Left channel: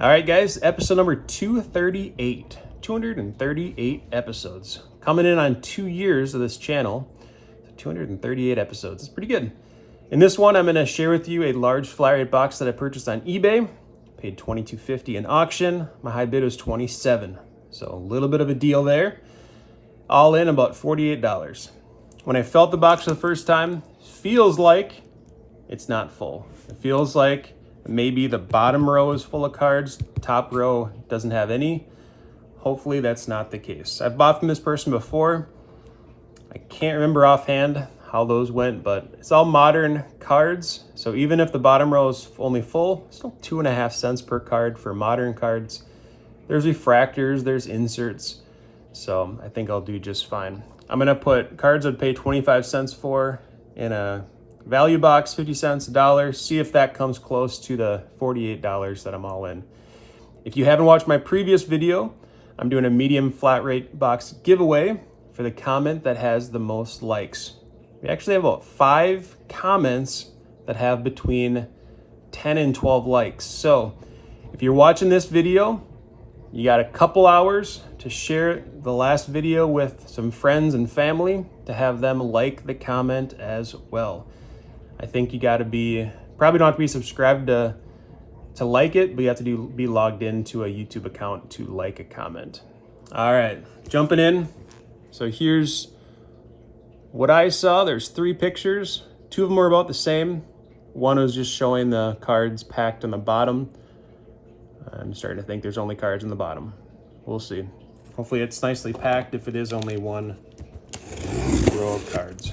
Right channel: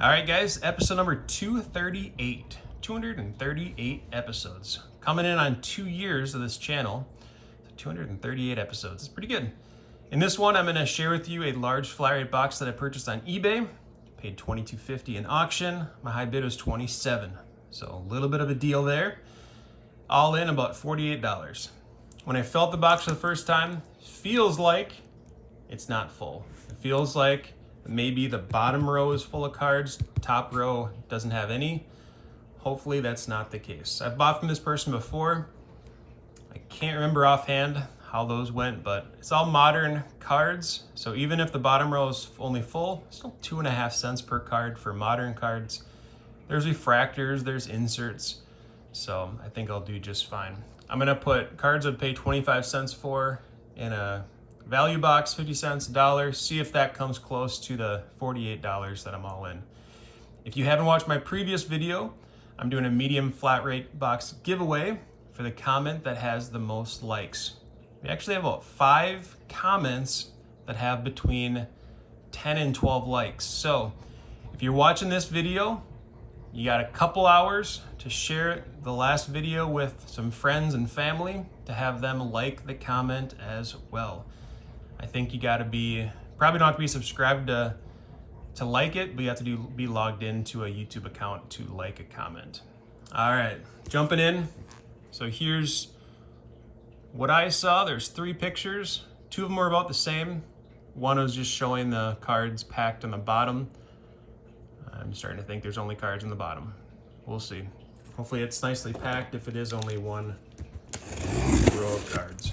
All right, guys, episode number 238. 238 episodes. Coming in on 2 years of this channel. 238 episodes. It's pretty good. In this one, I'm going to share with you a large flat rate box that I purchased on eBay. Paid $22.50 in auction. My high bid was $27. So a little bit of a deal there. All in about $48. When I felt the box for the first time, it feels like it's not full. It feels like maybe the bottom row is full of cards, top row doesn't have any. Hopefully that's not the case. I've bought from this person before. I can't remember offhand how those went, but it's all modern cards. So even if the bottom row is only full, it's still 2.5 cents per card for modern cards. There's refractors, there's inserts. So I think I'll do just fine. I'm gonna put cards I'd pay 25 cents for in a value box, 50 cents, $1, see if that comes close to the $48 that I'm all in. If you haven't watched my previous video, I'm doing a medium flat rate box giveaway for the comment that has the most likes. We actually have about 5 comments that have between 10 and 12 likes. So if you're watching this video, you got a couple hours to share the last video with some friends and family to have them like the comment as well. I think you got to probably don't have to be subscribed to like it, but you have to be logged into a YouTube account to like a comment. All right, jumping in. So here's what I saw. There's 3 pictures. 2 of them are about the same. One was just showing the cards packed on the bottom. I'm starting to think there's only cards in the bottom. We'll see. Hopefully it's nicely packed if it is only one row of cards.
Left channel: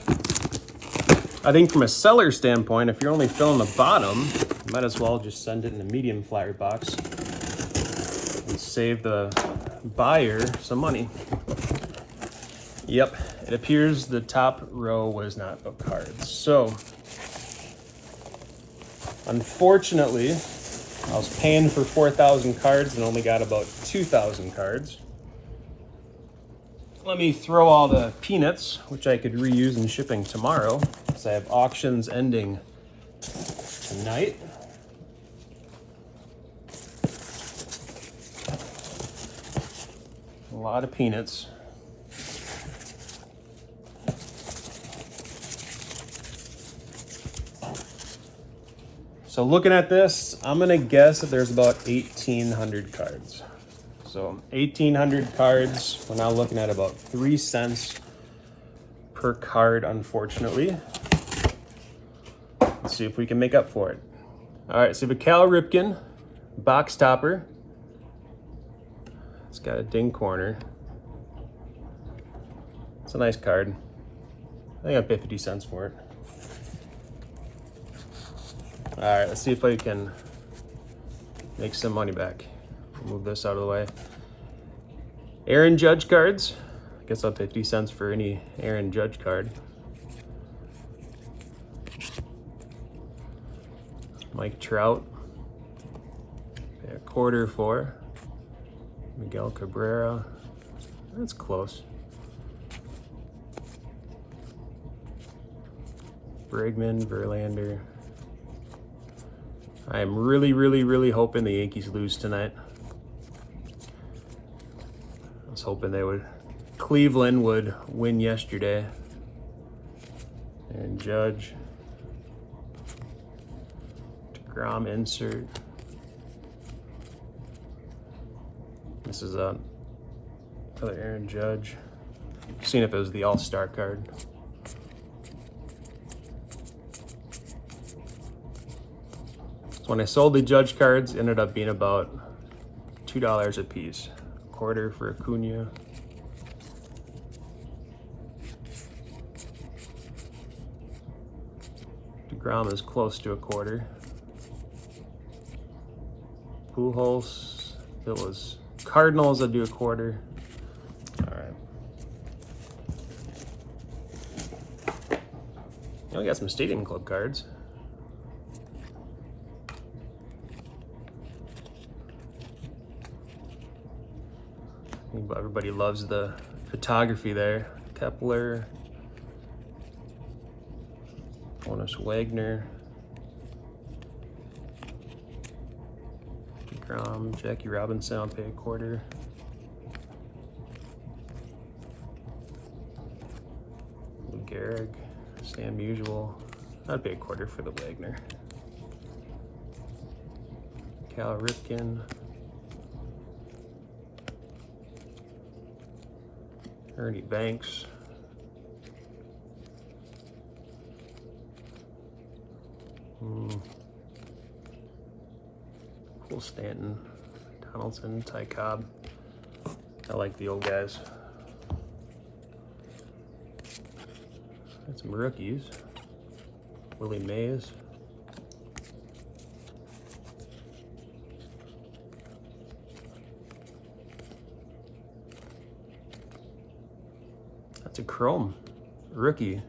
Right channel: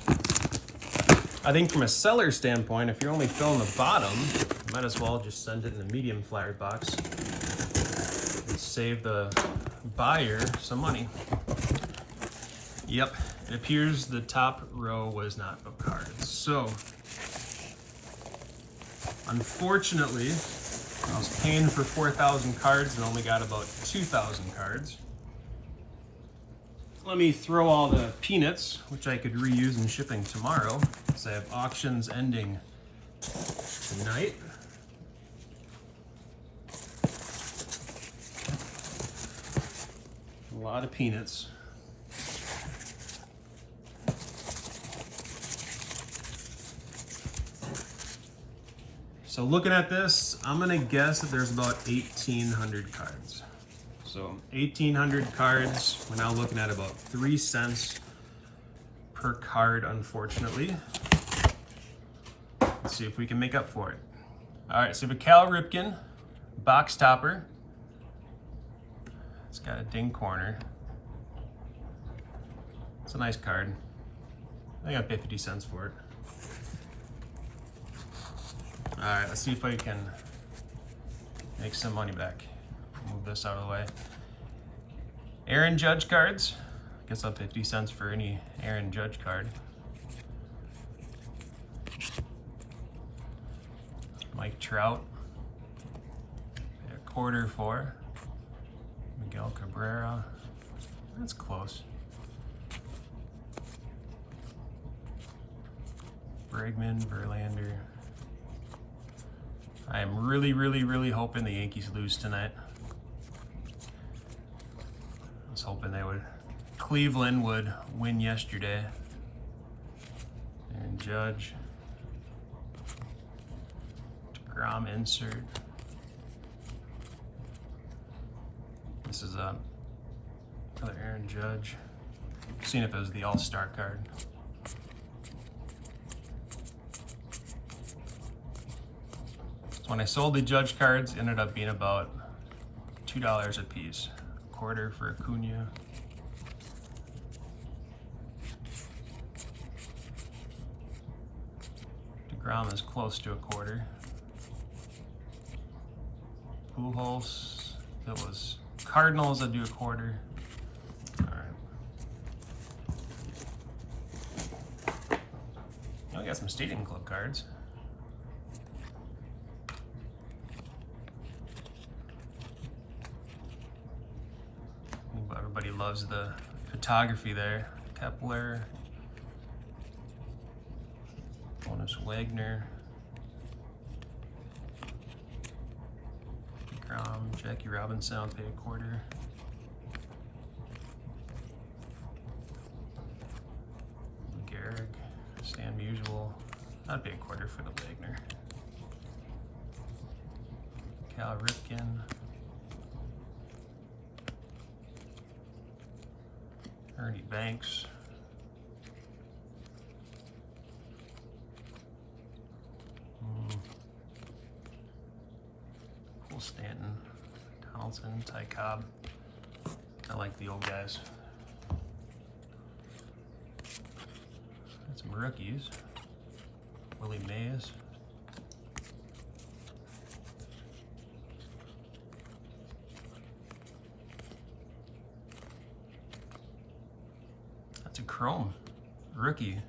I think from a seller standpoint, if you're only filling the bottom, you might as well just send it in a medium flat rate box and save the buyer some money. Yep, it appears the top row was not of cards. So, unfortunately, I was paying for 4,000 cards and only got about 2,000 cards. Let me throw all the peanuts, which I could reuse in shipping tomorrow, because I have auctions ending tonight. A lot of peanuts. So looking at this, I'm gonna guess that there's about 1,800 cards. So 1,800 cards, we're now looking at about 3 cents per card, unfortunately. Let's see if we can make up for it. All right, so we have a Cal Ripken box topper. It's got a ding corner. It's a nice card. I think I'll pay 50 cents for it. All right, let's see if I can make some money back. Move this out of the way. Aaron Judge cards. I guess I'll pay 50 cents for any Aaron Judge card. Mike Trout. Pay a quarter for. Miguel Cabrera. That's close. Bregman, Verlander. I am really hoping the Yankees lose tonight. I was hoping Cleveland would win yesterday. And Judge. DeGrom insert. This is another Aaron Judge. Seeing if it was the All-Star card. When I sold the Judge cards, it ended up being about $2 a piece. Quarter for Acuna. DeGrom is close to a quarter. Pujols, if it was Cardinals, I'd do a quarter. All right. We got some Stadium Club cards. Everybody loves the photography there. Kepler, Honus Wagner, Crom, Jackie Robinson, I'll pay a quarter. Gehrig, Stan Musial, I'd pay a quarter for the Wagner. Cal Ripken, Ernie Banks, Cole Stanton, Donaldson, Ty Cobb. I like the old guys. Got some rookies. Willie Mays. That's a chrome rookie.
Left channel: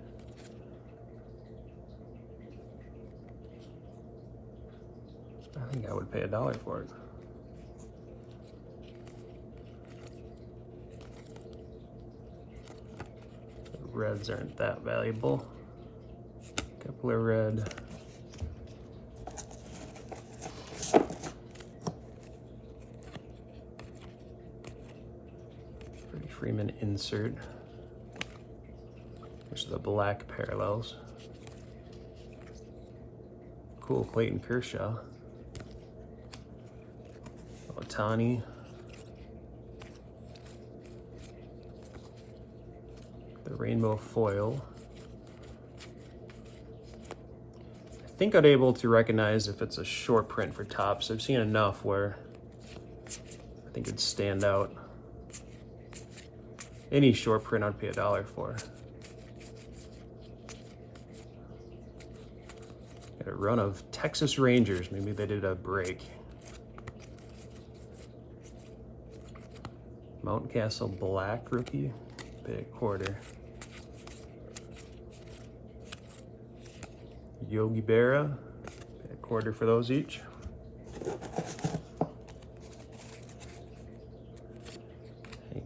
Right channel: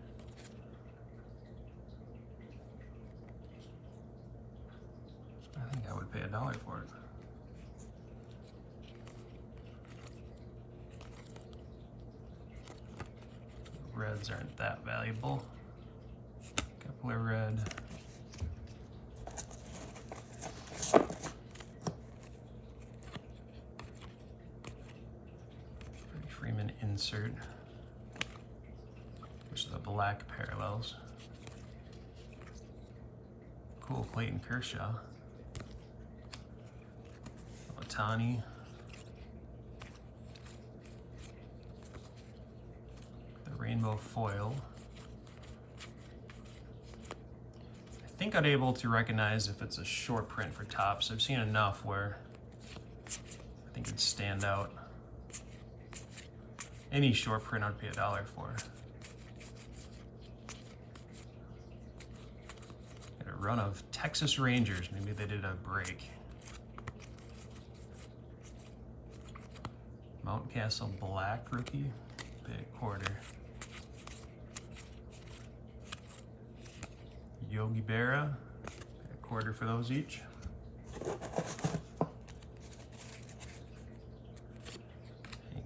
I think I would pay $1 for it. Reds aren't that valuable. Couple of red. Freeman insert, which is the black parallels. Cool, Clayton Kershaw. Otani. The rainbow foil. I think I'm able to recognize if it's a short print for Topps. I've seen enough where I think it'd stand out. Any short print I'd pay $1 for. Got a run of Texas Rangers. Maybe they did a break. Mountcastle black rookie. Pay a quarter. Yogi Berra. Pay a quarter for those each.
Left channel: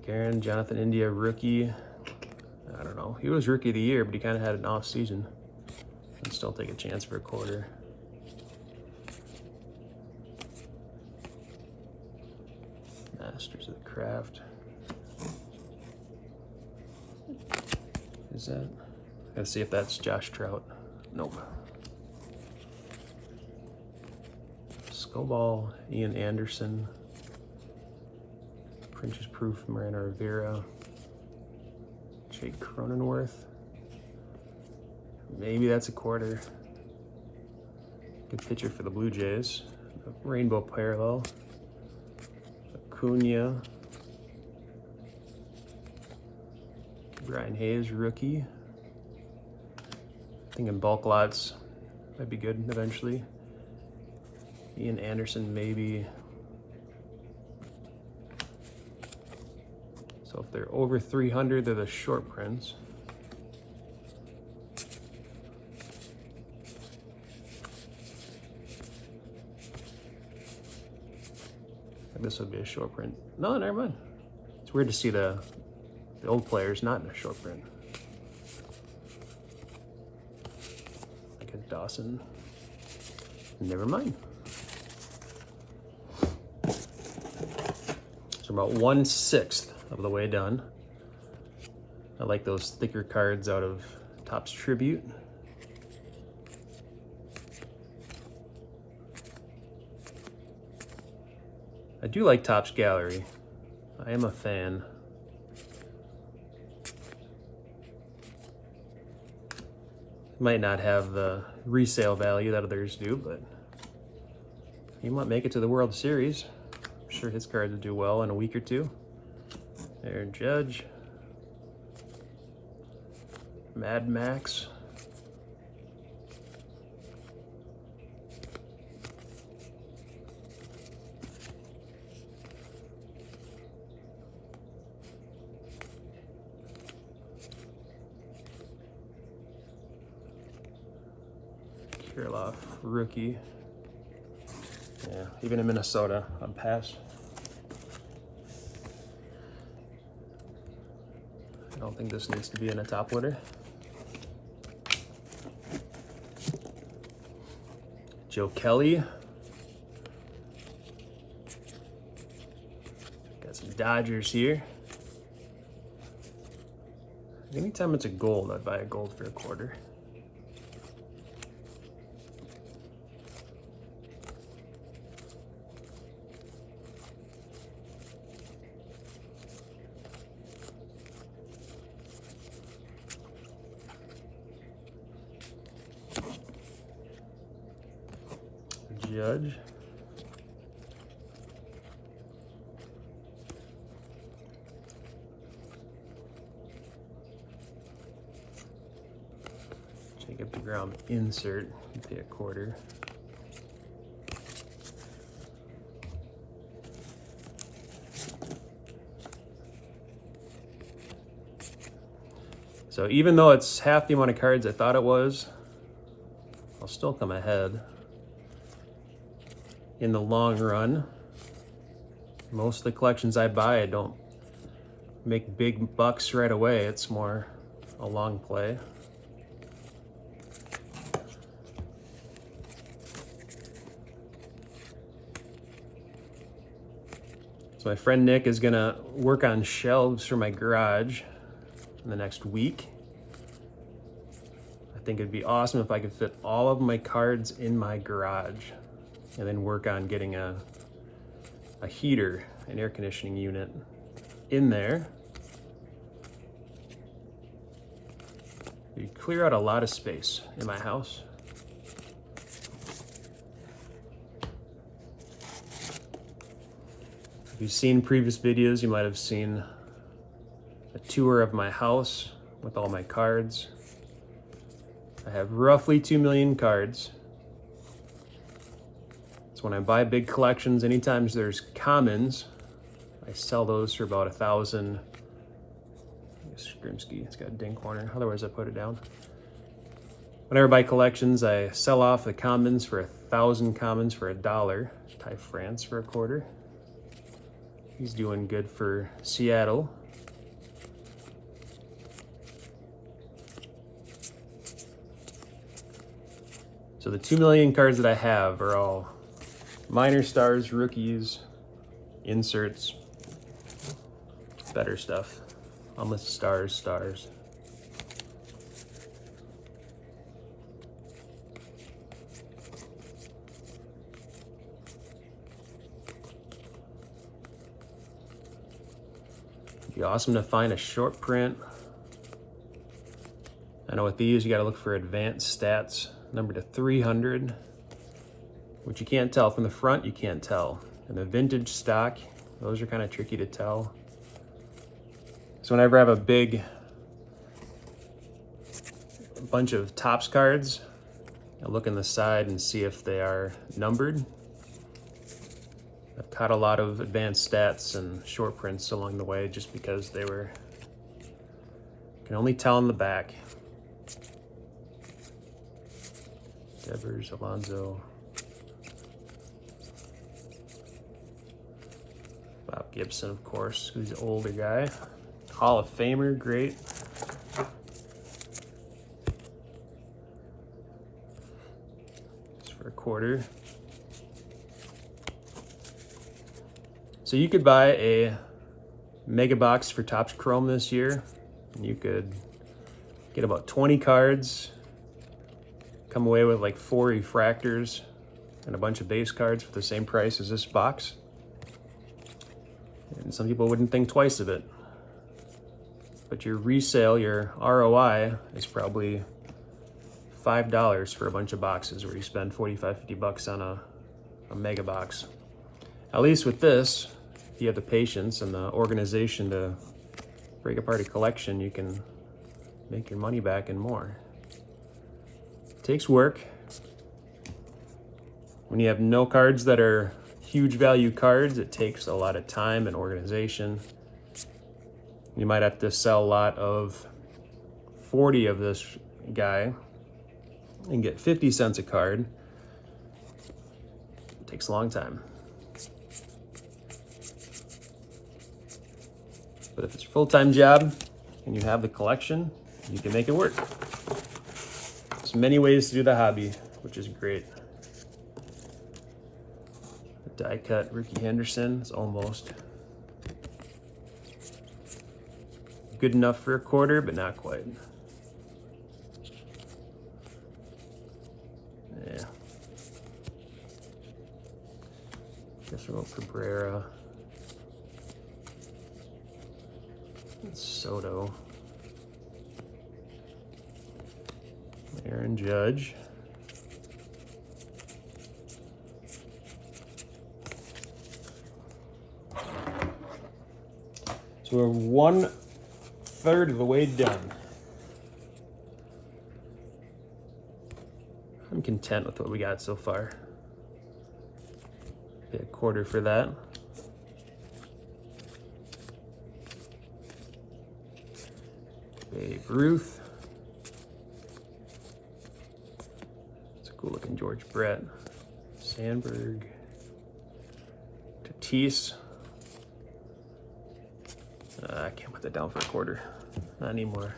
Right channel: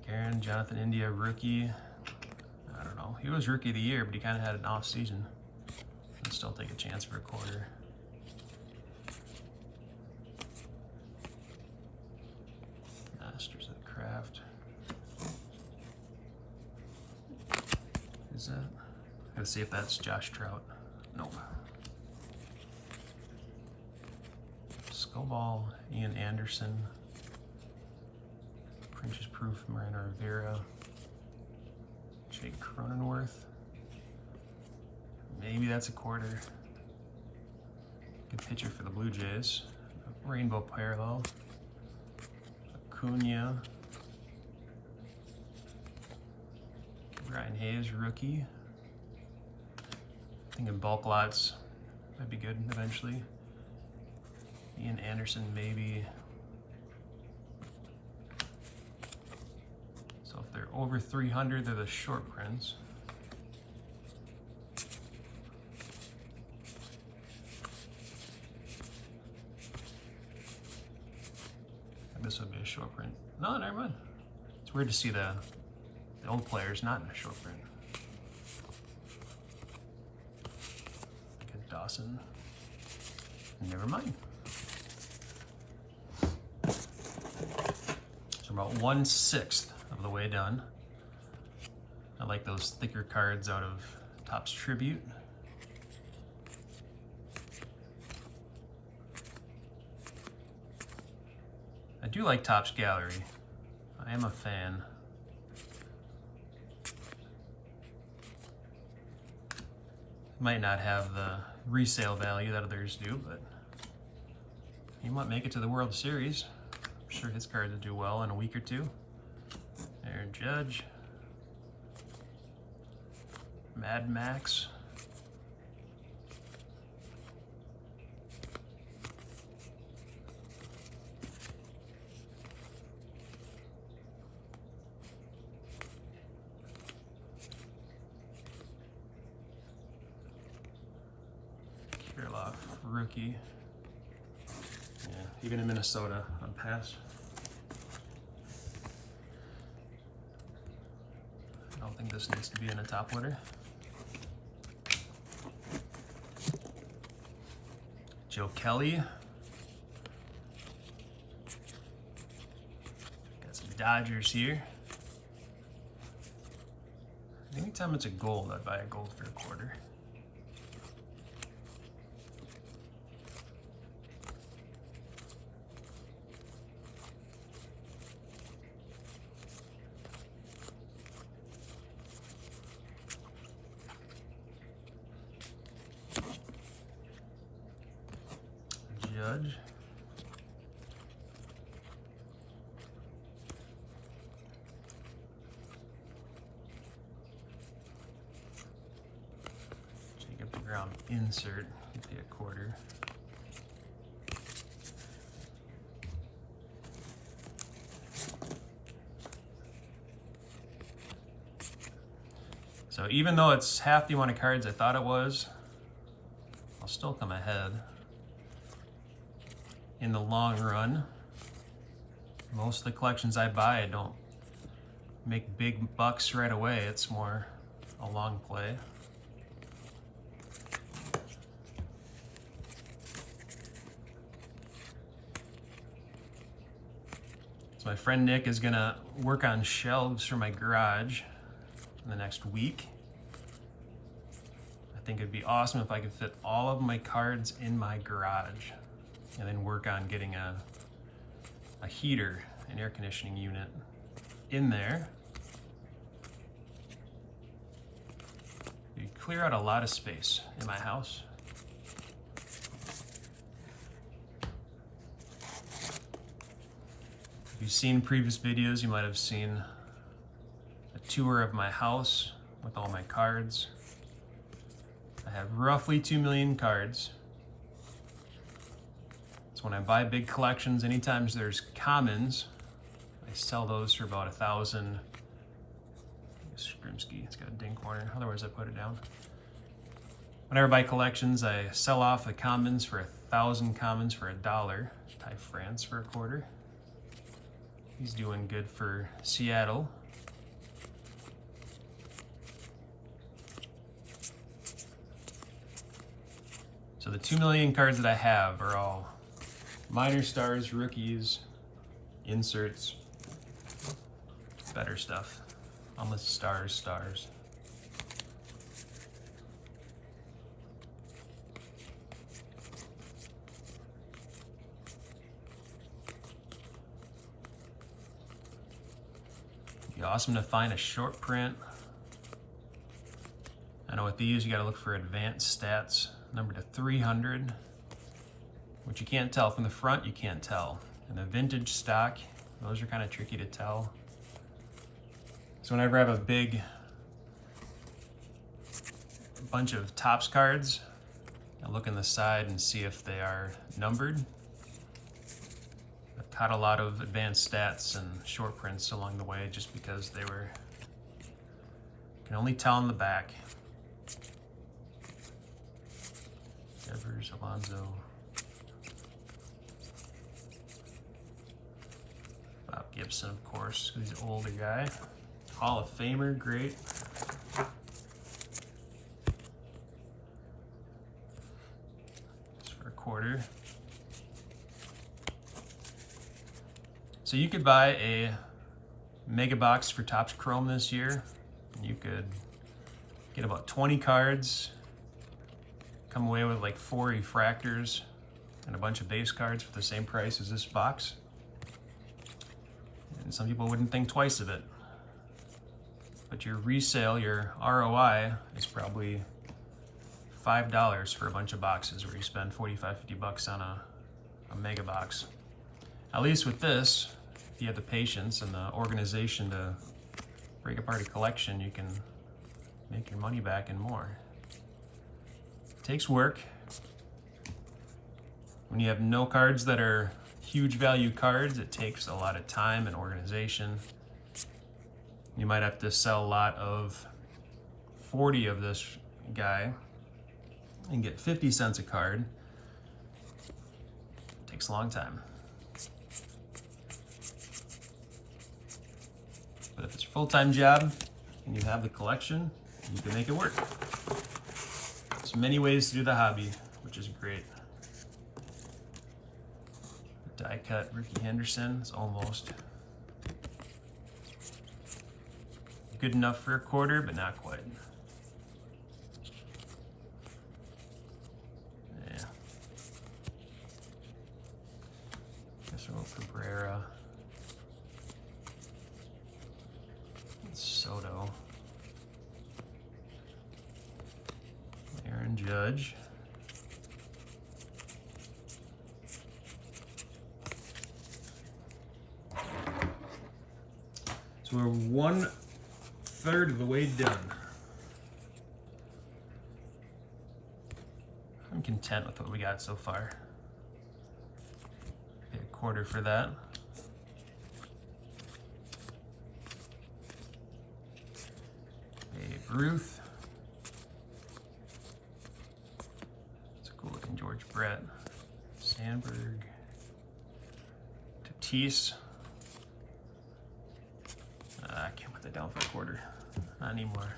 Aaron, Jonathan India, rookie. I don't know. He was rookie of the year, but he kind of had an off season. I'd still take a chance for a quarter. Masters of the Craft. Who's that? Gotta see if that's Josh Trout. Nope. Skobal, Ian Anderson. Prince's Proof, Mariano Rivera, Jake Cronenworth. Maybe that's a quarter. Good pitcher for the Blue Jays. Rainbow parallel. Acuna. Brian Hayes, rookie. Thinking bulk lots might be good eventually. Ian Anderson, maybe. So if they're over 300, they're the short prints. This would be a short print. No, never mind. It's weird to see the old players not in a short print. Like a Dawson. Never mind. So about 1/6 of the way done. I like those thicker cards out of Topps Tribute. I do like Topps Gallery. I am a fan. Might not have the resale value that others do, but he might make it to the World Series. I'm sure his cards will do well in a week or two. Aaron Judge. Mad Max. Kirilloff, rookie. Yeah, even in Minnesota, I'd pass. I don't think this needs to be in a top loader. Joe Kelly. Got some Dodgers here. Anytime it's a gold, I buy a gold for a quarter. Judge. Jacob DeGrom insert, you pay a quarter. So even though it's half the amount of cards I thought it was, I'll still come ahead. In the long run, most of the collections I buy, I don't make big bucks right away. It's more a long play. So my friend Nick is gonna work on shelves for my garage in the next week. I think it'd be awesome if I could fit all of my cards in my garage and then work on getting a heater, an air conditioning unit in there. You clear out a lot of space in my house. If you've seen previous videos, you might have seen a tour of my house with all my cards. I have roughly 2 million cards. When I buy big collections, anytime there's commons, I sell those for about 1,000. Scrimsky, it's got a dink corner, otherwise I put it down. Whenever I buy collections, I sell off the commons for 1,000 commons for $1. Ty France for a quarter. He's doing good for Seattle. So the 2 million cards that I have are all minor stars, rookies, inserts, better stuff. Almost stars. It'd be awesome to find a short print. I know with these, you gotta look for advanced stats, number to 300. Which you can't tell. From the front, you can't tell. And the vintage stock, those are kind of tricky to tell. So whenever I have a big bunch of Topps cards, I look on the side and see if they are numbered. I've caught a lot of advanced stats and short prints along the way just because they were, can only tell in the back. Devers, Alonso. Bob Gibson, of course, who's an older guy. Hall of Famer, great. It's for a quarter. So you could buy a mega box for Topps Chrome this year. And you could get about 20 cards, come away with like 4 refractors and a bunch of base cards for the same price as this box. And some people wouldn't think twice of it. But your resale, your ROI, is probably $5 for a bunch of boxes where you spend 45, 50 bucks on a mega box. At least with this, if you have the patience and the organization to break apart a collection, you can make your money back and more. It takes work. When you have no cards that are huge value cards, it takes a lot of time and organization. You might have to sell a lot of 40 of this guy and get 50 cents a card. It takes a long time. But if it's a full-time job and you have the collection, you can make it work. There's many ways to do the hobby, which is great. The die cut Ricky Henderson is almost good enough for a quarter, but not quite. Yeah. Guess we'll go Cabrera. Soto. Aaron Judge. So we're 1/3 of the way done. I'm content with what we got so far. Pay a quarter for that. Babe Ruth. It's a cool looking George Brett. Sandberg. Tatis. I can't put that down for a quarter. Not anymore.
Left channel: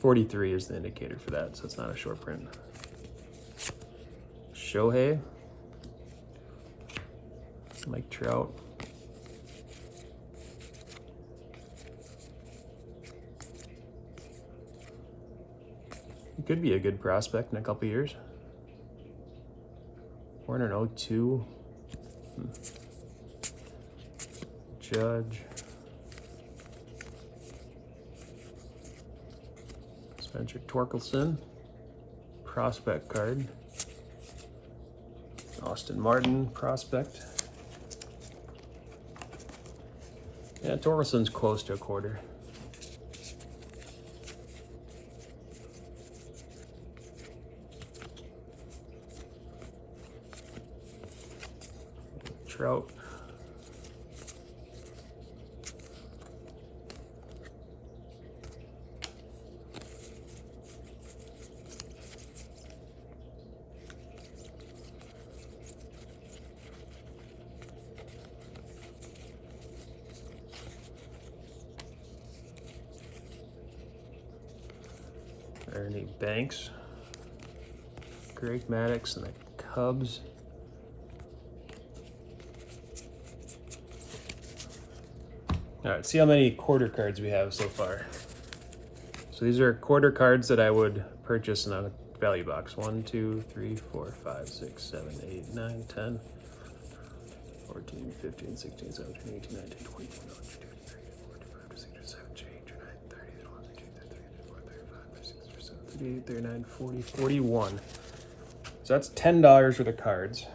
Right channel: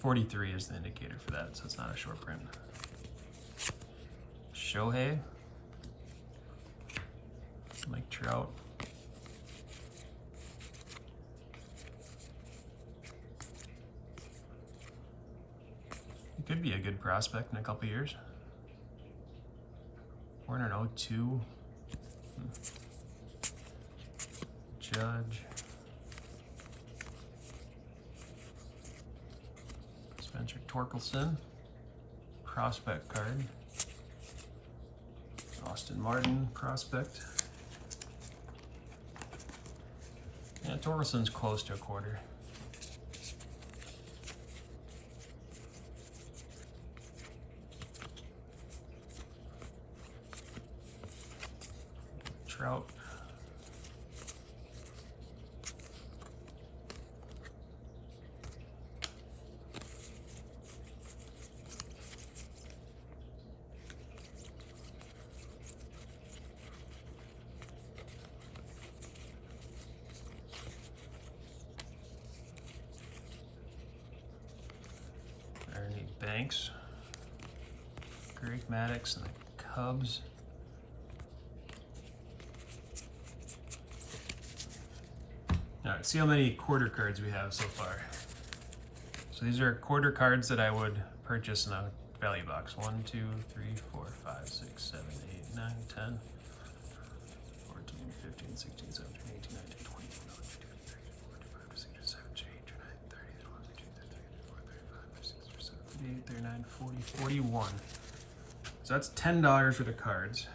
$43 is the indicator for that, so it's not a short print. Shohei. Mike Trout. He could be a good prospect in a couple years. 402. Judge. Spencer Torkelson. Prospect card. Austin Martin prospect. Yeah, Torkelson's close to a quarter. Trout. Ernie Banks. Greg Maddux and the Cubs. All right, see how many quarter cards we have so far. So these are quarter cards that I would purchase in a value box. 1, 2, 3, 4, 5, 6, 7, 8, 9, 10, 14, 15, 16, 17, 18, 19, 20, 21, 22, 23, 39, 40, 41. So that's $10 for the cards.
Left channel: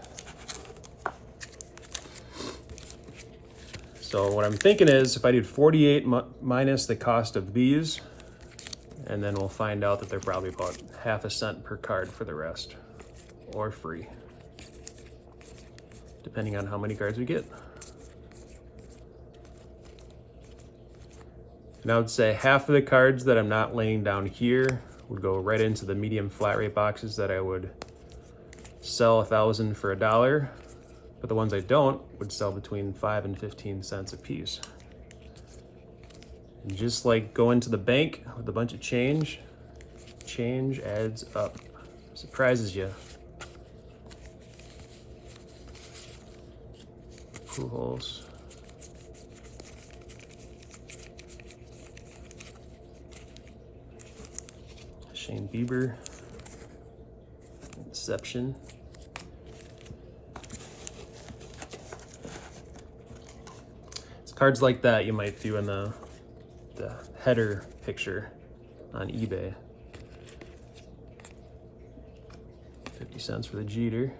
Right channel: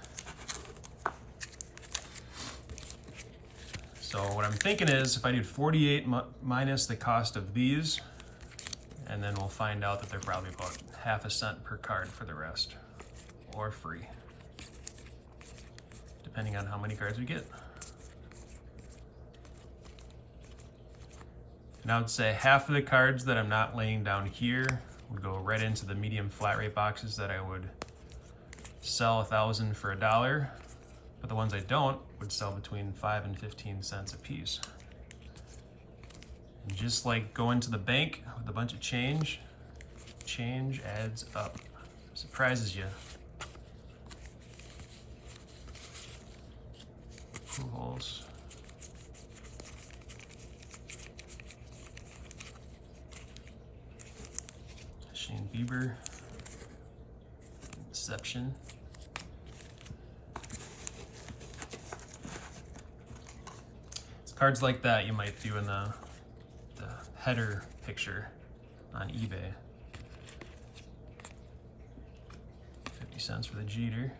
So what I'm thinking is if I did 48 minus the cost of these, and then we'll find out that they're probably about half a cent per card for the rest, or free, depending on how many cards we get. And I would say half of the cards that I'm not laying down here would go right into the medium flat rate boxes that I would sell 1,000 for $1. But the ones I don't would sell between 5 and 15 cents a piece. And just like going to the bank with a bunch of change, change adds up. Surprises you. Pujols. Shane Bieber. Inception. Cards like that you might do in the header picture on eBay. 50 cents for the Jeter.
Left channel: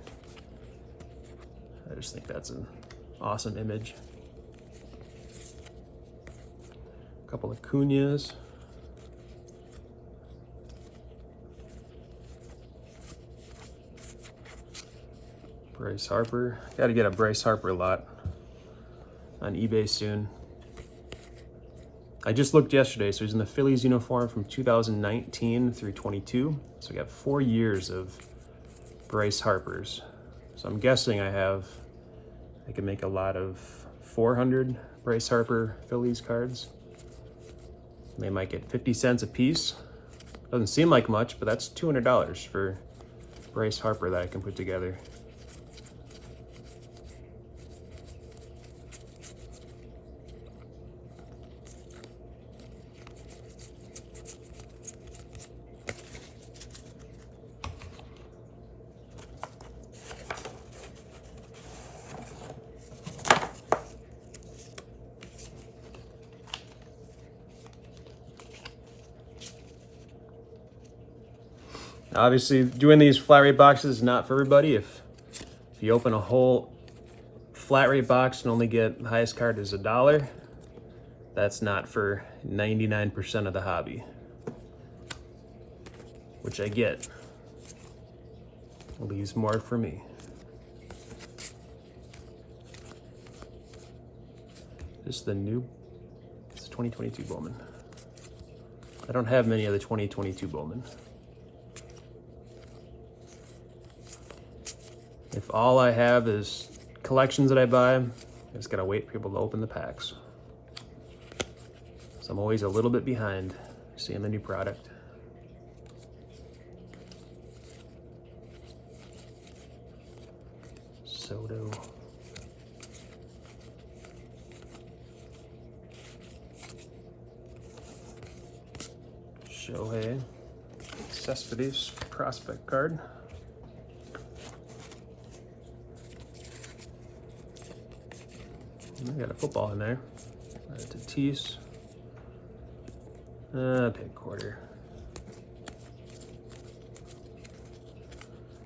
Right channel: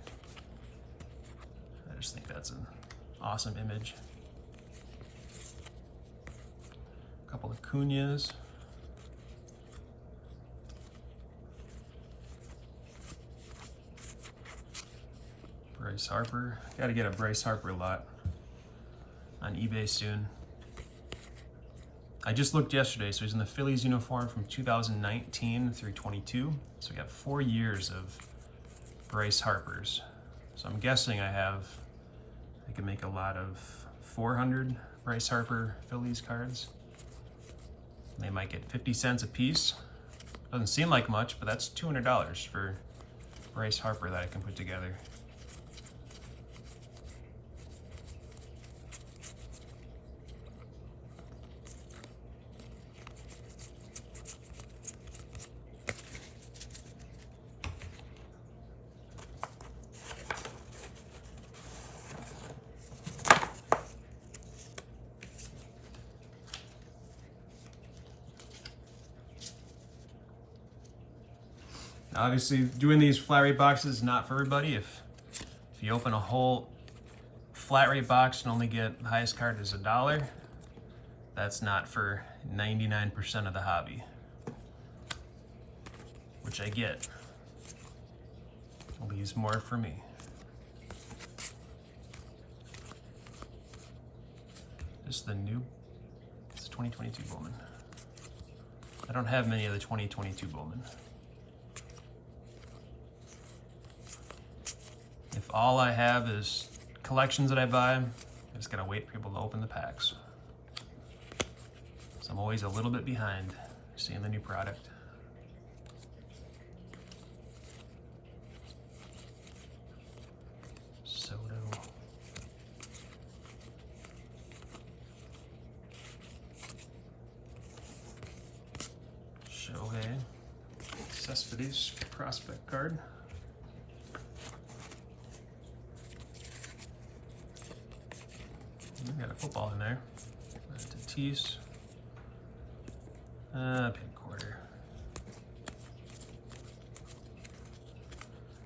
I just think that's an awesome image. A couple of Cuñas. Bryce Harper. Got to get a Bryce Harper lot on eBay soon. I just looked yesterday, so he's in the Phillies uniform from 2019 through 22. So we got 4 years of Bryce Harpers. So I'm guessing I can make a lot of 400 Bryce Harper Phillies cards. They might get 50 cents a piece. Doesn't seem like much, but that's $200 for Bryce Harper that I can put together. Obviously, doing these flat rate boxes is not for everybody. If you open a whole flat rate box and only get the highest card is $1, that's not for 99% of the hobby, which I get. Leaves more for me. This is the new, it's 2022 Bowman. I don't have many of the 2022 Bowman. If all I have is collections that I buy, I just gotta wait for people to open the packs. So I'm always a little bit behind seeing the new product. Soto. Shohei. Cespedes prospect card. We got a football in there. Tatis. Pig quarter.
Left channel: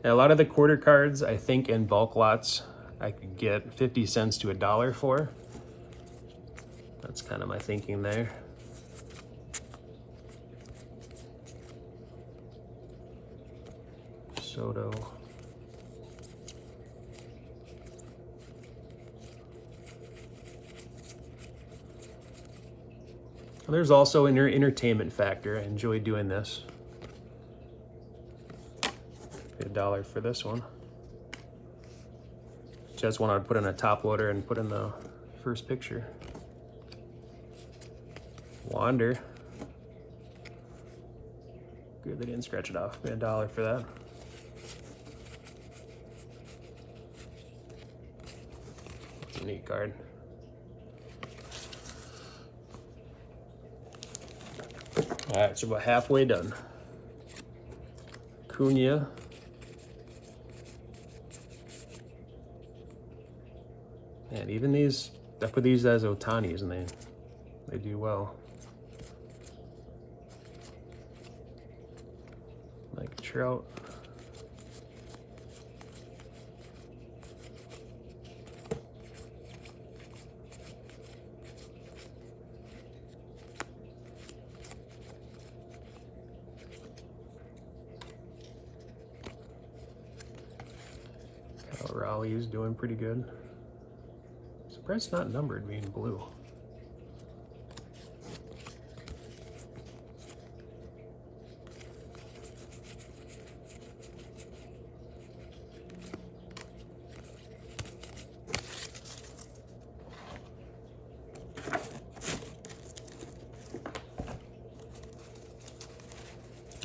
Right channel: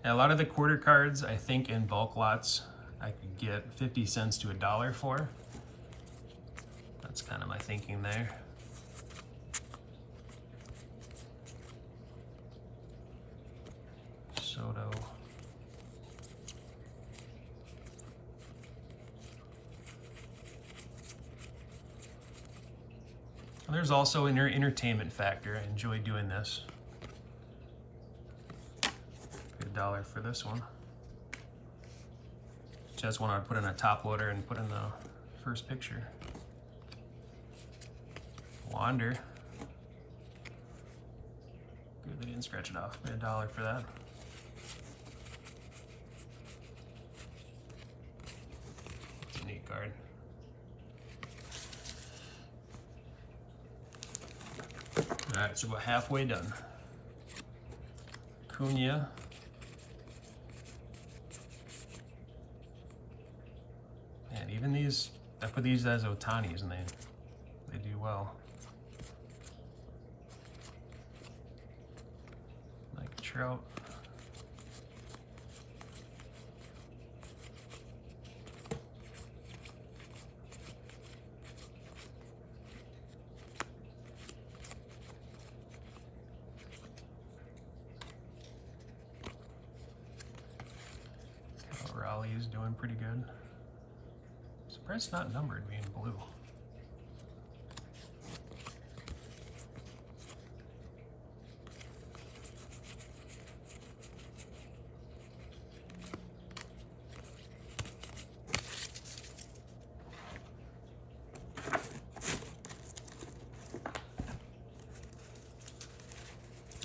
Now, a lot of the quarter cards, I think in bulk lots, I could get 50 cents to $1 for. That's kind of my thinking there. Soto. There's also an entertainment factor. I enjoy doing this. $1 for this one. Just want to put in a top loader and put in the first picture. Wander. Good, they didn't scratch it off. $1 for that. That's a neat card. All right, so we're halfway done. Cunha. And even these, I put these as Otanis and they do well. Like Trout. Raleigh is doing pretty good. Surprised it's not numbered, being blue.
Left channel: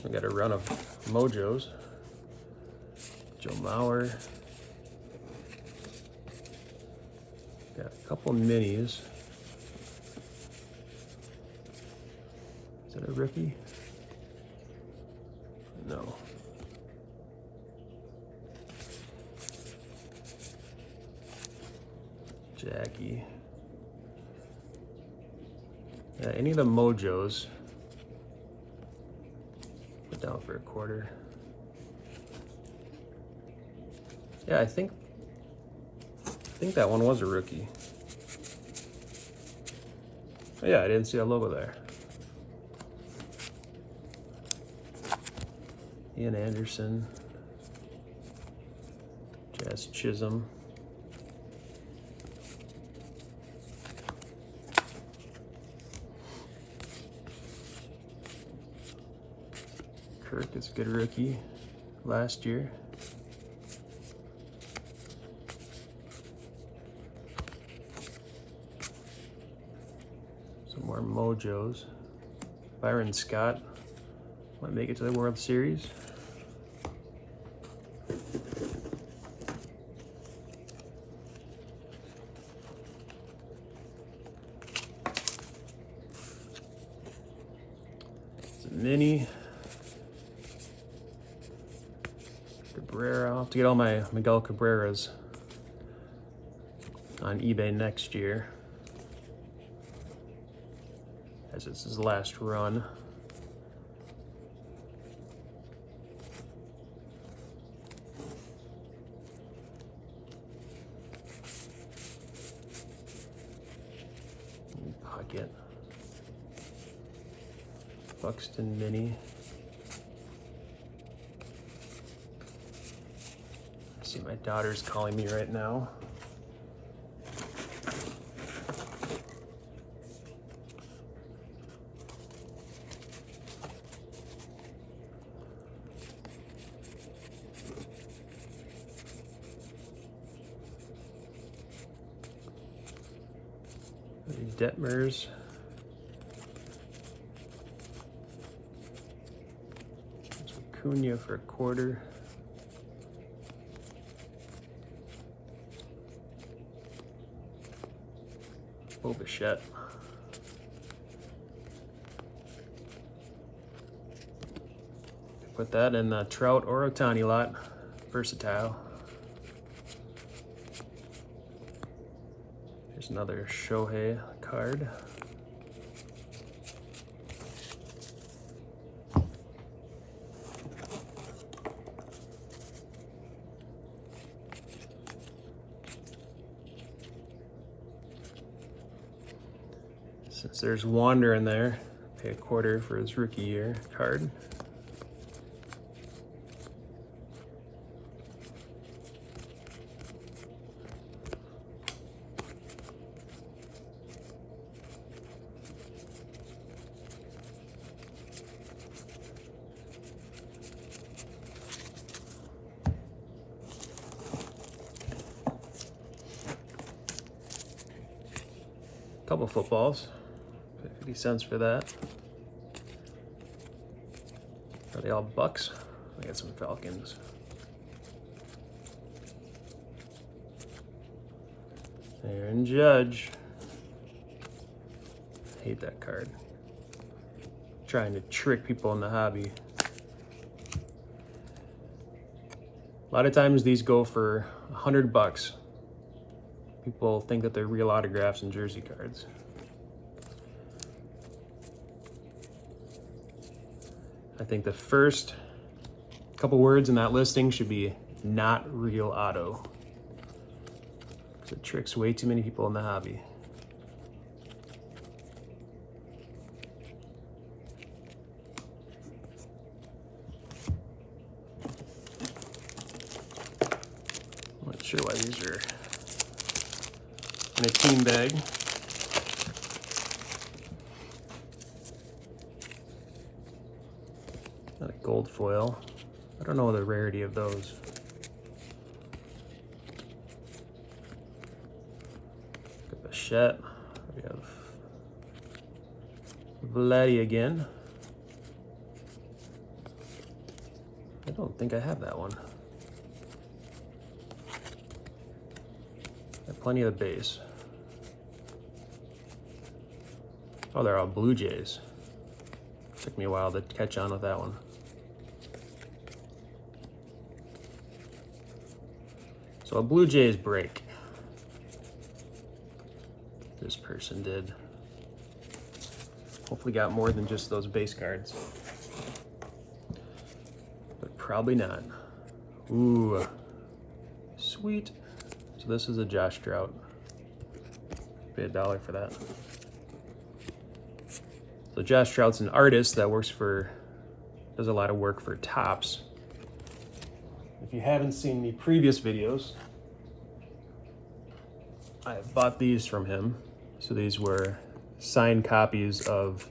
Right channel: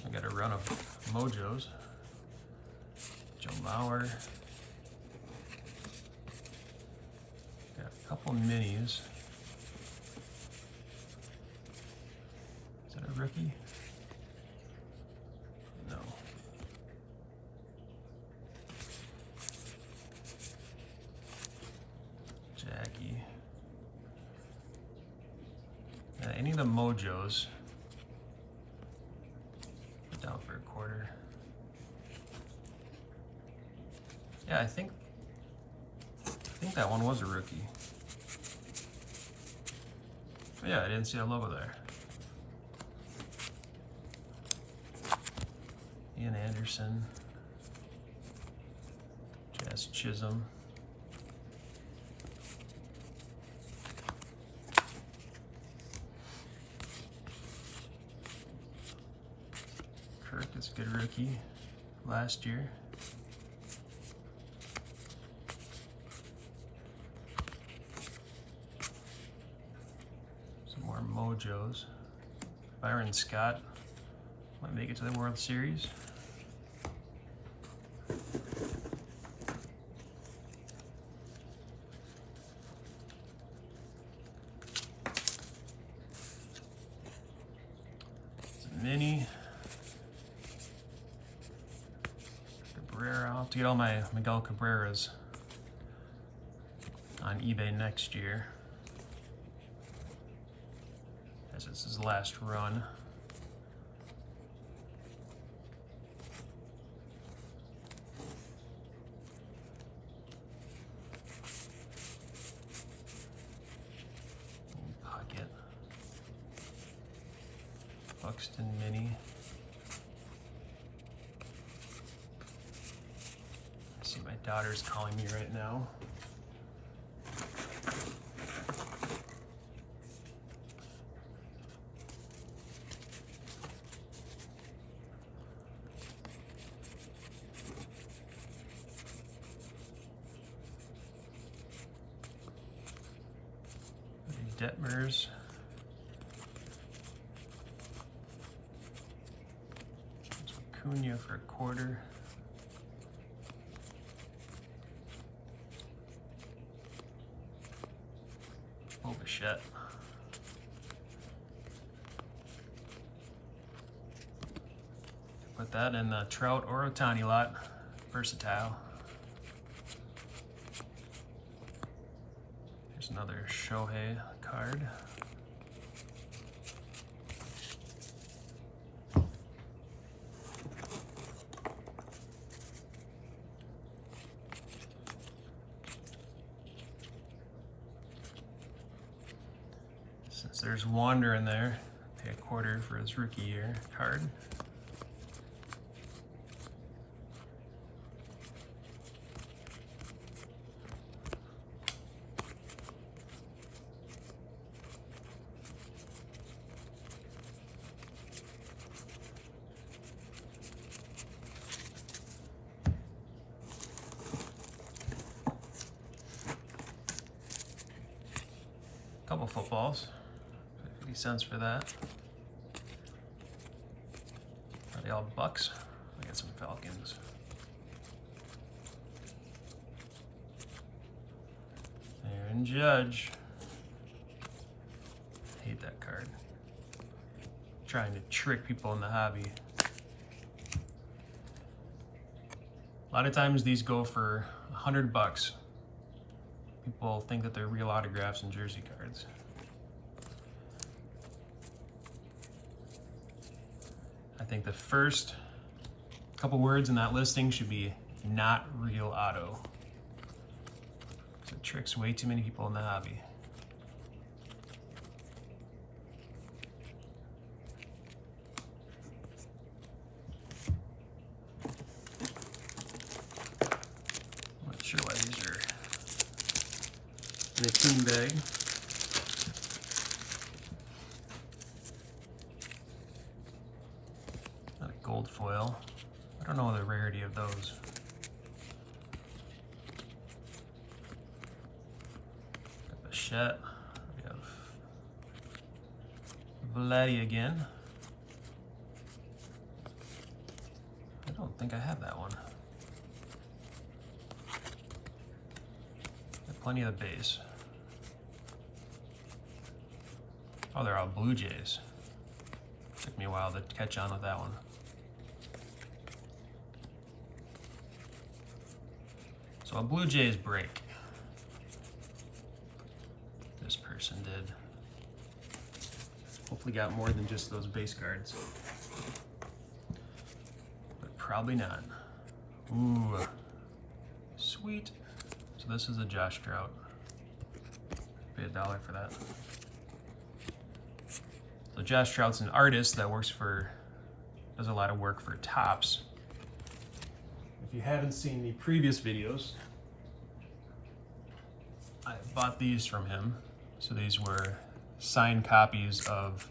We got a run of Mojos. Joe Mauer. Got a couple minis. Is that a rookie? No. Jackie. Any of the Mojos. Put down for a quarter. Yeah, I think that one was a rookie. Oh, yeah, I didn't see that logo there. Ian Anderson. Jazz Chisholm. Kirk is a good rookie last year. Some more Mojos. Byron Scott might make it to the World Series. Mini. Cabrera. I'll have to get all my Miguel Cabreras on eBay next year, as it's his last run. Buxton Mini. See, my daughter's calling me right now. Detmers. Acuna for a quarter. Bichette. Put that in the Trout or Ohtani lot. Versatile. Here's another Shohei card. Since there's Wander in there, pay a quarter for his rookie year card. Couple footballs. 50 cents for that. Are they all Bucks? I got some Falcons. Aaron Judge. Hate that card. Trying to trick people in the hobby. A lot of times these go for $100. People think that they're real autographs and jersey cards. I think the first couple words in that listing should be not real auto. It tricks way too many people in the hobby. I'm not sure why these are in a team bag. Not a gold foil. I don't know the rarity of those. Bichette. We have Vladdy again. I don't think I have that one. I have plenty of the base. Oh, they're all Blue Jays. Took me a while to catch on with that one. So a Blue Jays break. This person did. Hopefully got more than just those base cards. But probably not. Ooh, sweet. So this is a Josh Trout. Pay $1 for that. So Josh Trout's an artist that does a lot of work for Topps. If you haven't seen the previous videos, I bought these from him. So these were signed copies of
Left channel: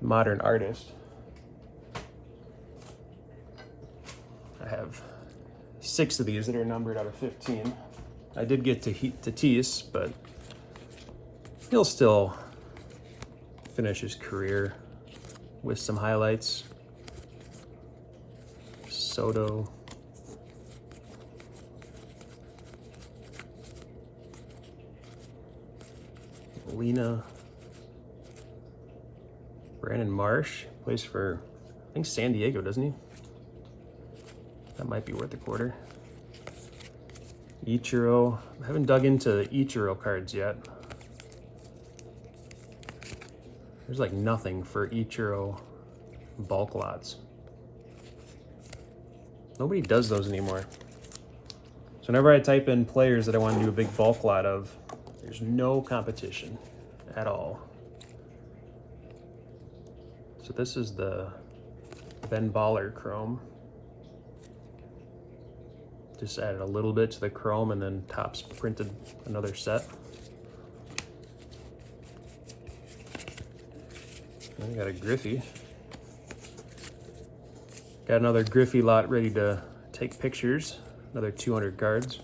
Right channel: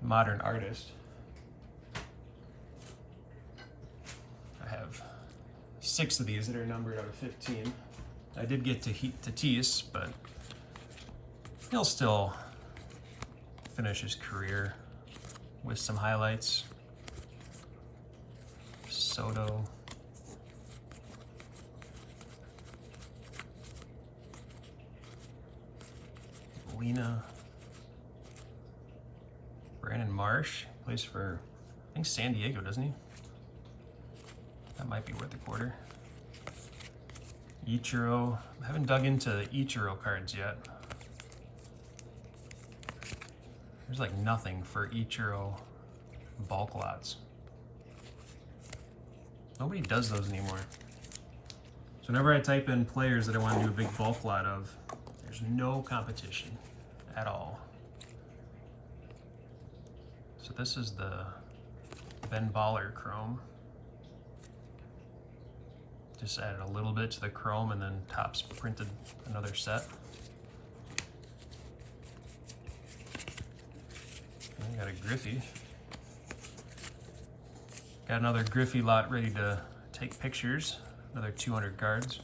Modern Artist. I have 6 of these that are numbered out of 15. I did get to Tatis, but he'll still finish his career with some highlights. Soto. Lena. Brandon Marsh plays for, I think, San Diego, doesn't he? That might be worth a quarter. Ichiro. I haven't dug into the Ichiro cards yet. There's like nothing for Ichiro bulk lots. Nobody does those anymore. So whenever I type in players that I want to do a big bulk lot of, there's no competition at all. So this is the Ben Baller chrome. Just added a little bit to the chrome and then Topps printed another set. I got a Griffey. Got another Griffey lot ready to take pictures. Another 200 cards.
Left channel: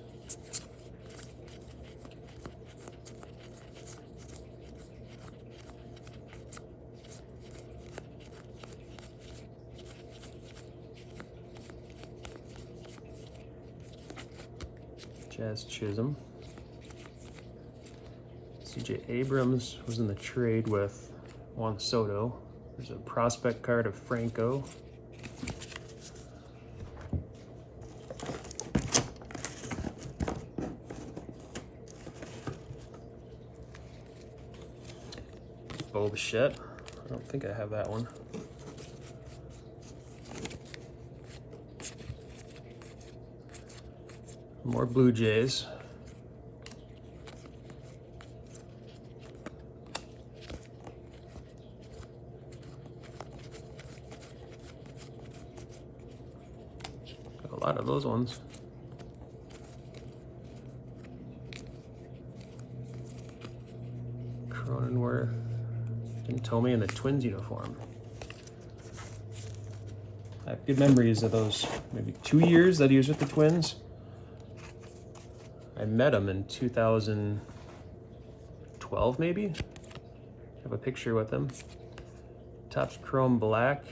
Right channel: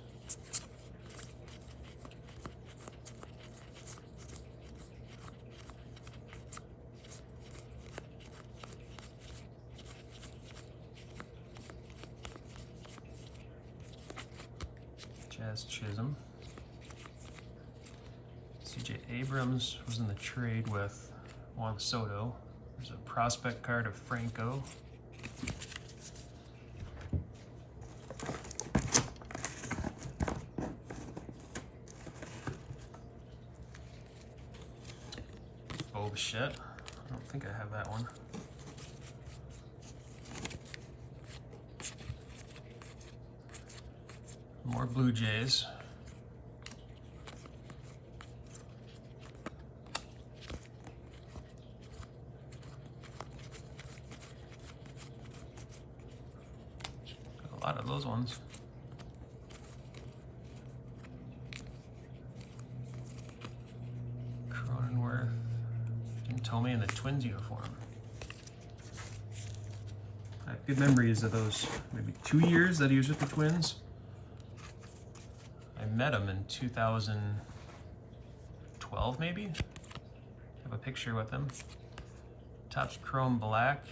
Jazz Chisholm. CJ Abrams was in the trade with Juan Soto. There's a prospect card of Franco. Bo Bichette. I don't think I have that one. More Blue Jays. Got a lot of those ones. Cronenworth. Jim Thome in the Twins uniform. I have good memories of those maybe 2 years that he was with the Twins. I met him in 2012 maybe. I have a picture with him. Topps Chrome Black.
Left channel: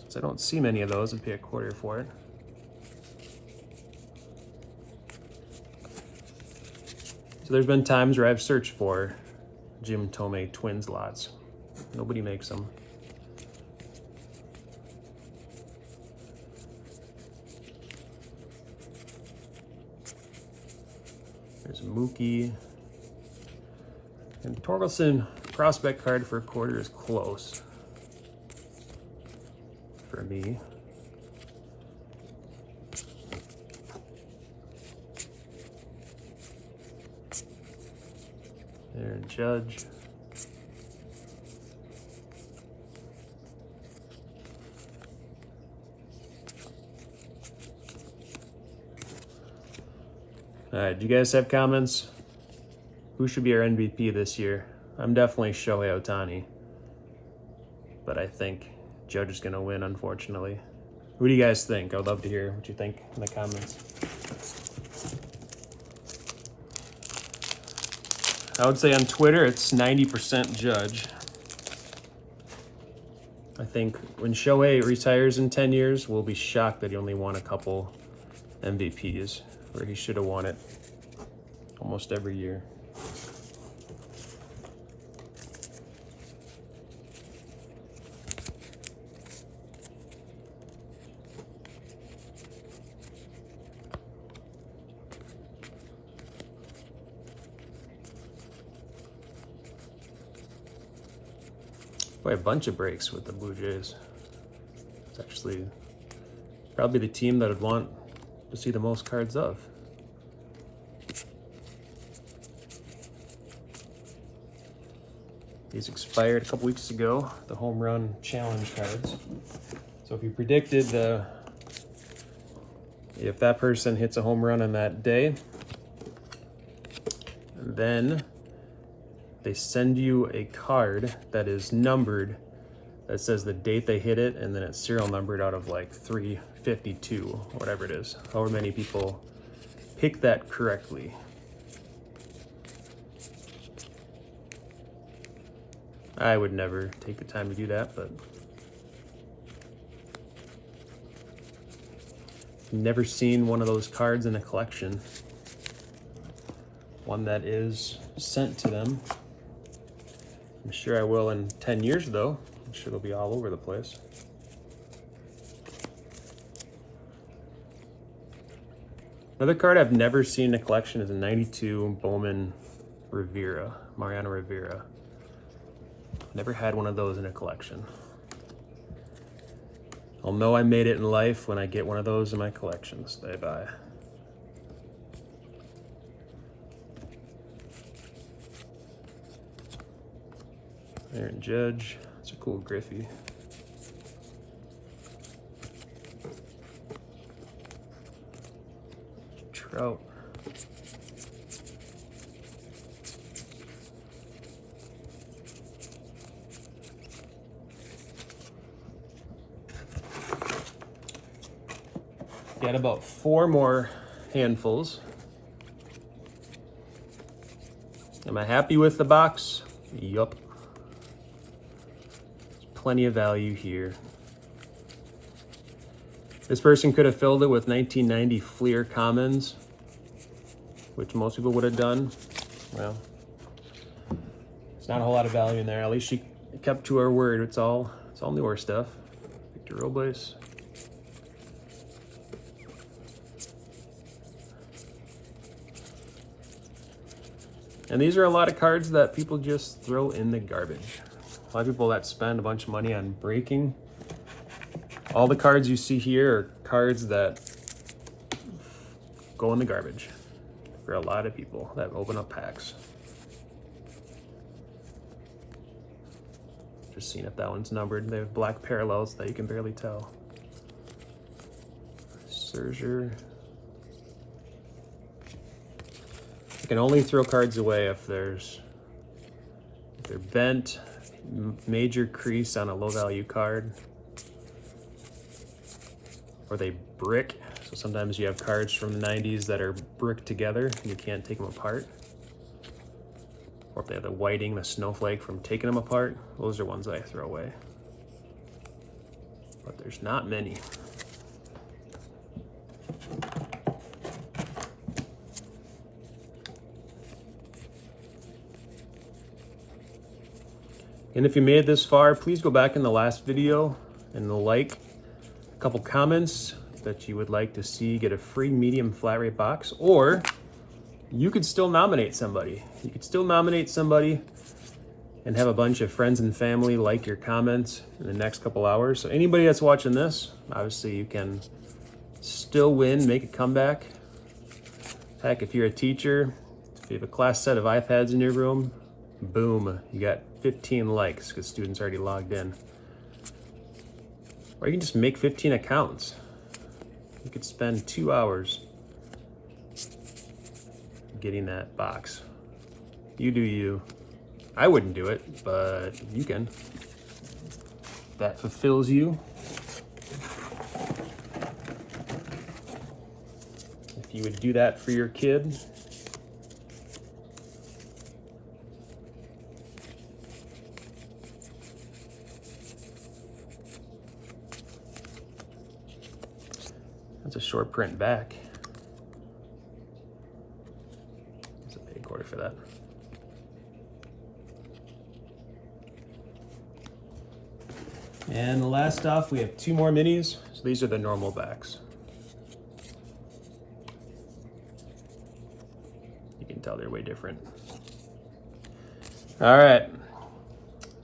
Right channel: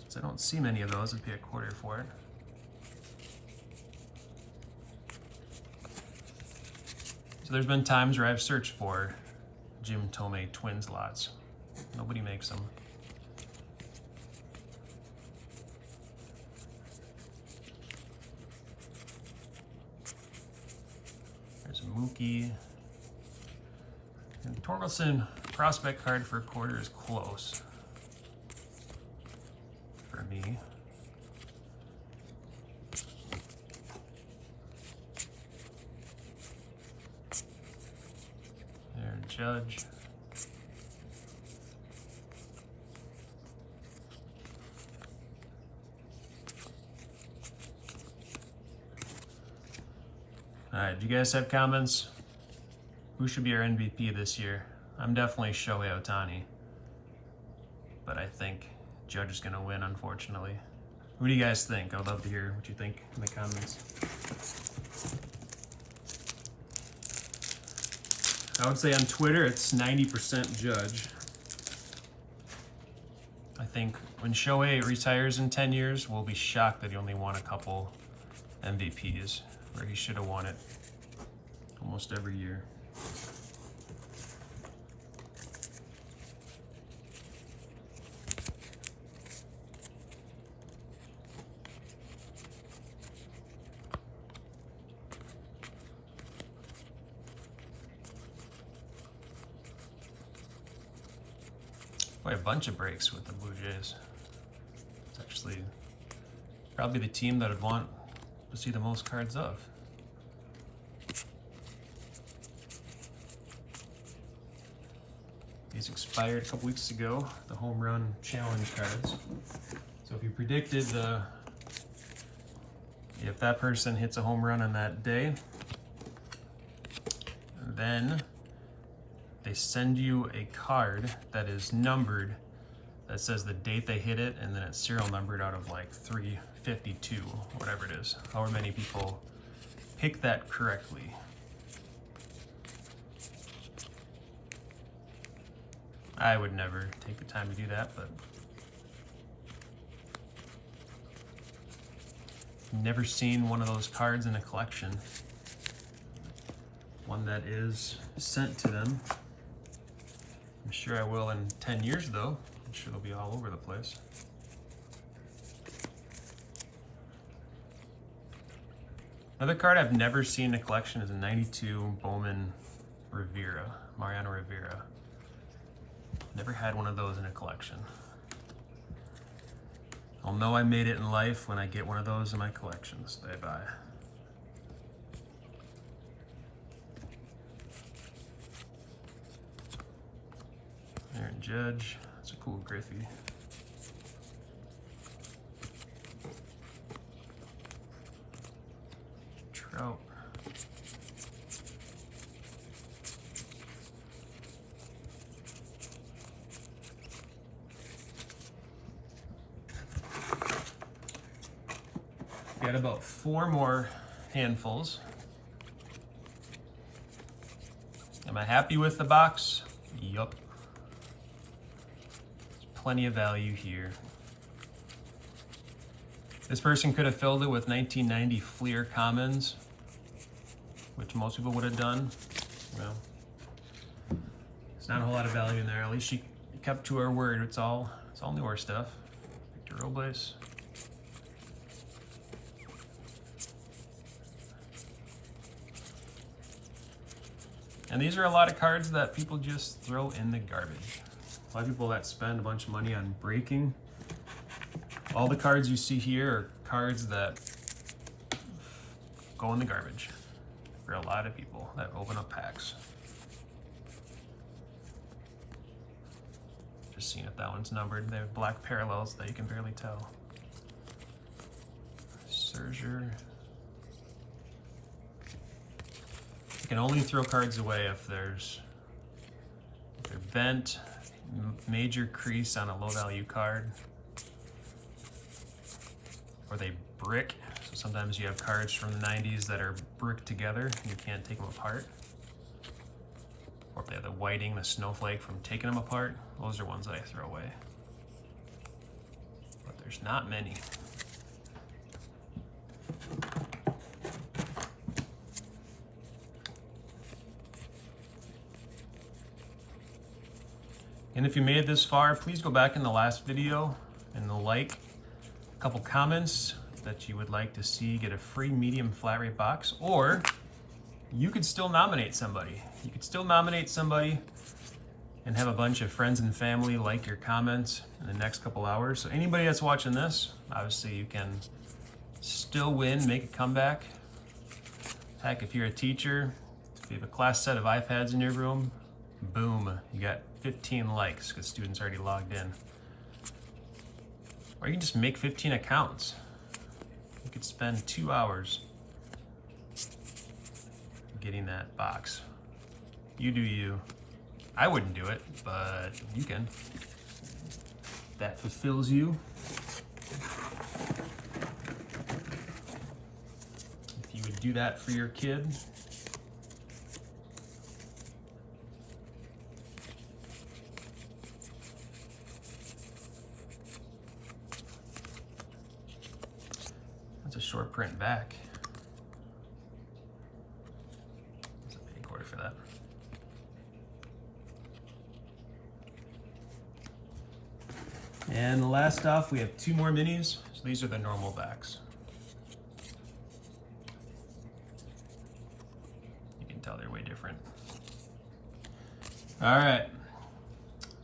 Since I don't see many of those, I'd pay $1 for it. So there's been times where I've searched for Jim Thome Twins lots. Nobody makes them. There's Mookie. And Torkelson prospect card for $1 is close for me. Aaron Judge. All right, do you guys have comments? Who should be our MVP this year? I'm definitely Shohei Ohtani, but I think Judge is gonna win, unfortunately. Who do you guys think? I would love to hear what you think in the comments. I would say on Twitter, it's 90% Judge. I think when Shohei retires in 10 years, we'll be shocked that he only won a couple MVPs, where he should have won it almost every year. Quite a bunch of breaks with the Blue Jays. It's actually probably the team that I'd want to see the most cards of. These expired a couple weeks ago, the home run challenge cards. So if you predicted if that person hits a home run on that day, then they send you a card that is numbered, that says the date they hit it, and then it's serial numbered out of like 352, whatever it is. However many people pick that correctly. I would never take the time to do that, but I've never seen one of those cards in a collection. One that is sent to them. I'm sure I will in 10 years though. I'm sure it'll be all over the place. Another card I've never seen in a collection is a 92 Bowman Rivera, Mariano Rivera. Never had one of those in a collection. I'll know I made it in life when I get one of those in my collections that I buy. Aaron Judge, It's a cool Griffey. Trout. Got about 4 more handfuls. Am I happy with the box? Yup. Plenty of value here. This person could have filled it with 1990 Fleer Commons, which most people would have done. Well, it's not a whole lot of value in there. At least she kept to her word. It's all newer stuff. Victor Robles. And these are a lot of cards that people just throw in the garbage. A lot of people that spend a bunch of money on breaking. All the cards you see here are cards that go in the garbage for a lot of people that open up packs. Just seeing if that one's numbered. They have black parallels that you can barely tell. Serger. You can only throw cards away if they're bent, major crease on a low value card, or they brick. So sometimes you have cards from the 90s that are bricked together and you can't take them apart. Or if they have the whiting, the snowflake from taking them apart. Those are ones that I throw away. But there's not many. And if you made it this far, please go back in the last video and like a couple comments that you would like to see get a free medium flat rate box, or you could still nominate somebody. You could still nominate somebody and have a bunch of friends and family like your comments in the next couple hours. So anybody that's watching this, obviously you can still win, make a comeback. Heck, if you're a teacher, if you have a class set of iPads in your room, boom, you got 15 likes because students already logged in. Or you can just make 15 accounts. You could spend 2 hours getting that box. You do you. I wouldn't do it, but you can. That fulfills you. If you would do that for your kid, that's a short print back. That's a big order for that. And the last off, we have 2 more minis. So these are the normal backs. You can tell they're way different. All right.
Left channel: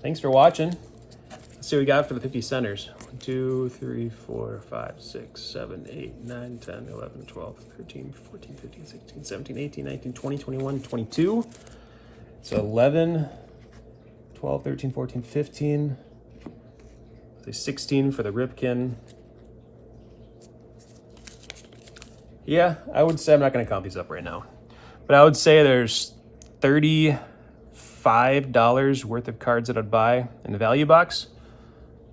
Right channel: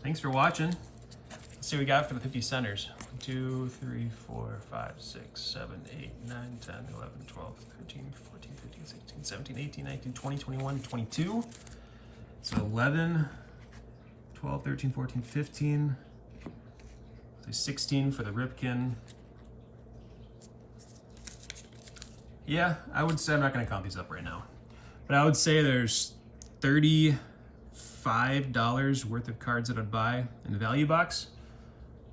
Thanks for watching. Let's see what we got for the 50 centers. 2, 3, 4, 5, 6, 7, 8, 9, 10, 11, 12, 13, 14, 15, 16, 17, 18, 19, 20, 21, 22. So 11, 12, 13, 14, 15. Say 16 for the Ripken. Yeah, I would say, I'm not gonna count these up right now, but I would say there's $35 worth of cards that I'd buy in the value box,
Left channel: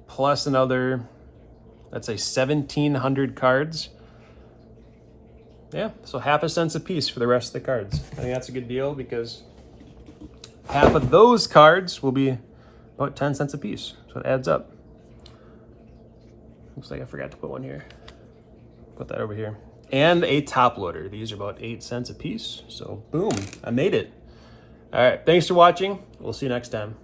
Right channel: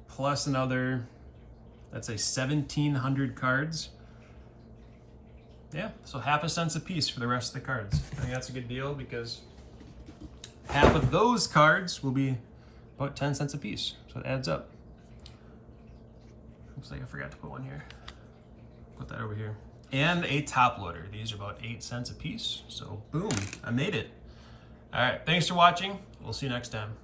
plus another, let's say 1,700 cards. Yeah, so half a cent a piece for the rest of the cards. I think that's a good deal because half of those cards will be about 10 cents a piece, so it adds up. Looks like I forgot to put one here. Put that over here. And a top loader. These are about 8 cents a piece. So boom, I made it. All right, thanks for watching. We'll see you next time.